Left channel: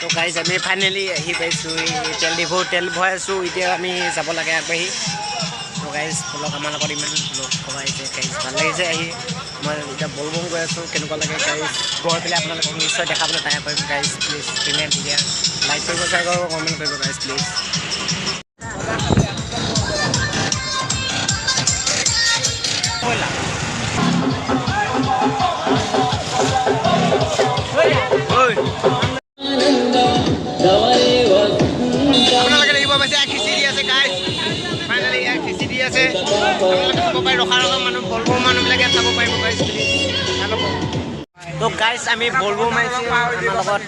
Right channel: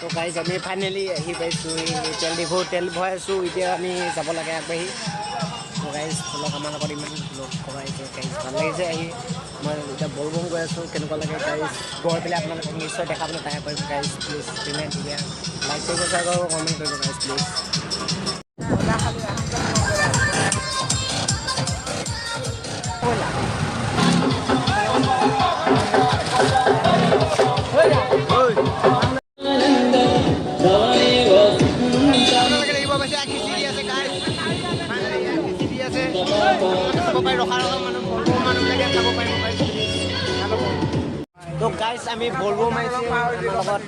তো গাইজ আমি ফাইনেলি আহি পাইছোঁ তেল ভৰাই আছোঁ এতিয়া আমি যাব লাগে আগবাঢ়ি তো গাইজ লগ আমাৰ লগত ইমান লগ খবাইছে গাইজ ভাল লাগিছে আহি মই এতিয়া বলবম গৈ আছোঁ কেনেকুৱা লাগে গাইজ গৈ পেলাই আপোনালোকক নিশ্চয় দেখাবলৈ ট্ৰাই কৰিম গাইজ প্লিজ পে'মেণ্ট এতিয়া লাইক কৰিব শ্বেয়াৰ কৰিব কমেণ্ট কৰিব গাইজ প্লিজ আপোনালোকে দেখিব পাইছে খিচিৰি আছে গাইজ ফাইনেলি ইয়াৰ খিচিৰি আছে আপোনালোকে খাব পাৰে ৰখা মানুহ বলবম মানুহবিলাকে খাব পাৰিব গাইজ প্লিজ ভাল হ'ব তো গাইজ আমি বলবম আহিছোঁ আমাৰ লগত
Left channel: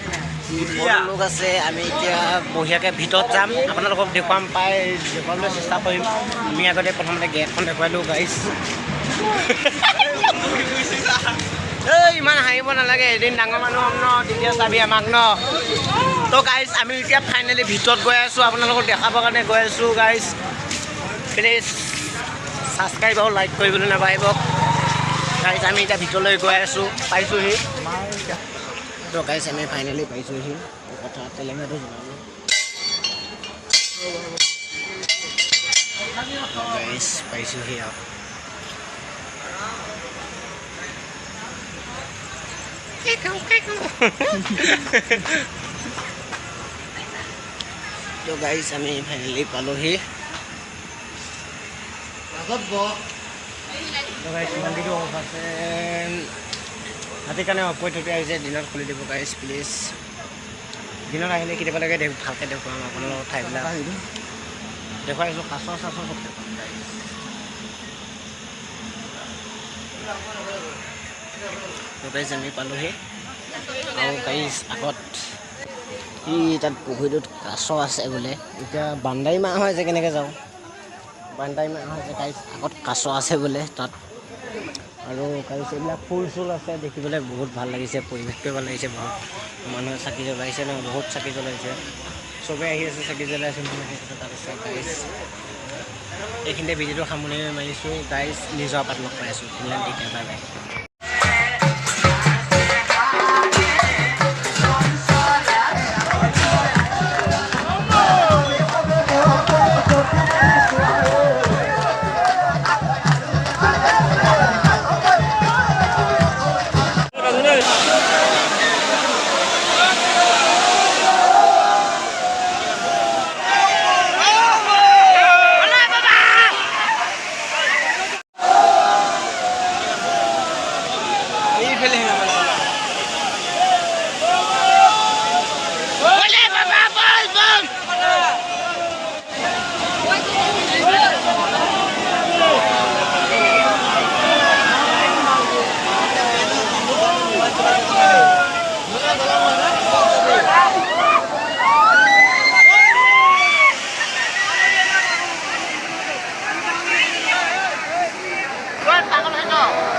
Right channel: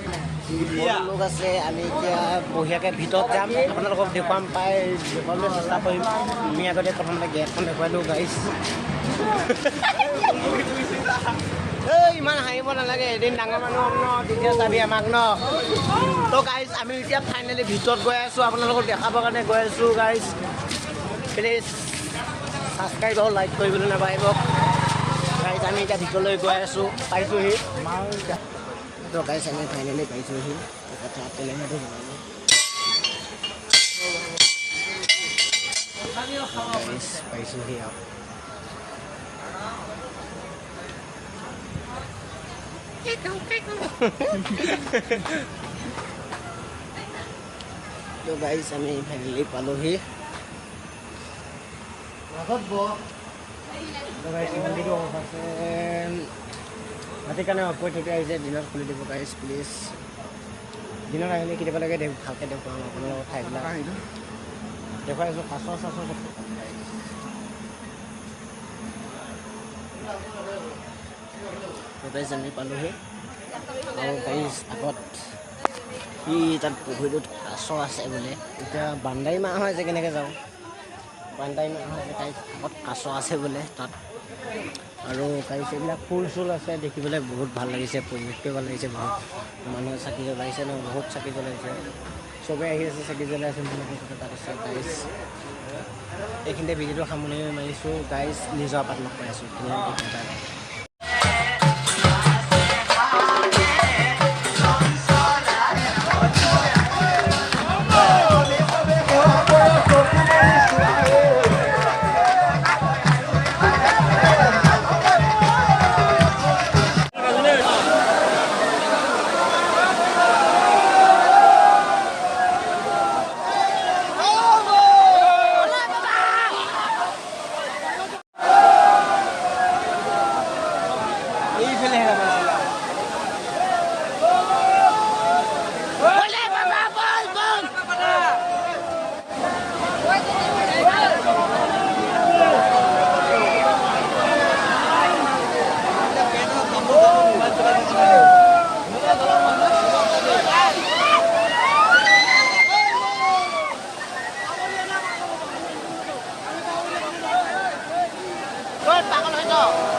লোক আছে আমি এতিয়া বঢ়িয়াকৈ ভিতৰত যাম আপোনালোকক দেখুৱাবলৈ চেষ্টা কৰিম আমি আগতে প্ৰথমতে গেটখন দেখুৱালোঁ গাইজ এই ইমান হাঁহিব নালাগে এদিন ডাঙৰ মানুহ হ'ম ন তেতিয়া চাবি আমাক ন তো গাইজ আমি এতিয়া ফাইনেলি ভিতৰত গৈ আছোঁ আপোনালোকক দেখাবৰ কাৰণে গৈ আছোঁ গাইজ প্লিজ ছাবস্ক্ৰাইব আৰু লাইক কৰিবলৈ নাপাহৰিব গাইজ আমি এতিয়া ভিতৰলৈ গৈ আছোঁ পাইছোঁহি তো গাইজ আমি ফাইনেলি পাইছোঁহি কথা তেলেঙাটো জনালোঁ গাইজ পাইছোঁহি আৰু তো গাইজ আমি ফাইনেলি পালোহি মন্দিৰটো অফ আছে ৰাতিৰ কাৰণে অফ কৰি থৈ আহিছে দিনত খুলি দিব গাইজ প্লিজ দিনত আহিলে কেতিয়াবা লাগে ভালকৈ দেখুৱাম আপোনালোকৰ ঠাইবিলাক দেখুৱাই আছোঁ কাছ চাছ চব দেখুৱাম গাইজ তো গাইজ আমি পালোহি আৰু গাইজ আগত তাত পুখুৰীটোত কাছ আছে বোলে এতিয়া বান্দাৰী মাহ হয় যে কেনেকৈ যাওঁ বান্দাৰী মাহ হয় যে গাইজ আগত কাছ আছে বোলে তাত আৰু গাইজ এইবিলাক ফুল চুল আছে দেখিবলৈ বহুত ভাল লাগিছে পৰিৱেশটোৱে ভাল লাগিছে বহুত মানুহে চাকি জ্বলাইছে ন বহুত চাকি জ্বলাইছে চবেই আহি আছে চাকি জ্বলাইছে তাত আছে গাইজ এইখিনিতে ভিডিঅ'টো সামৰণি মাৰিছোঁ গাইজ নিজৰ আপাত লগ পাই আছোঁ ফিনলেণ্ড টিকা বাই বাই পাগল হয় ন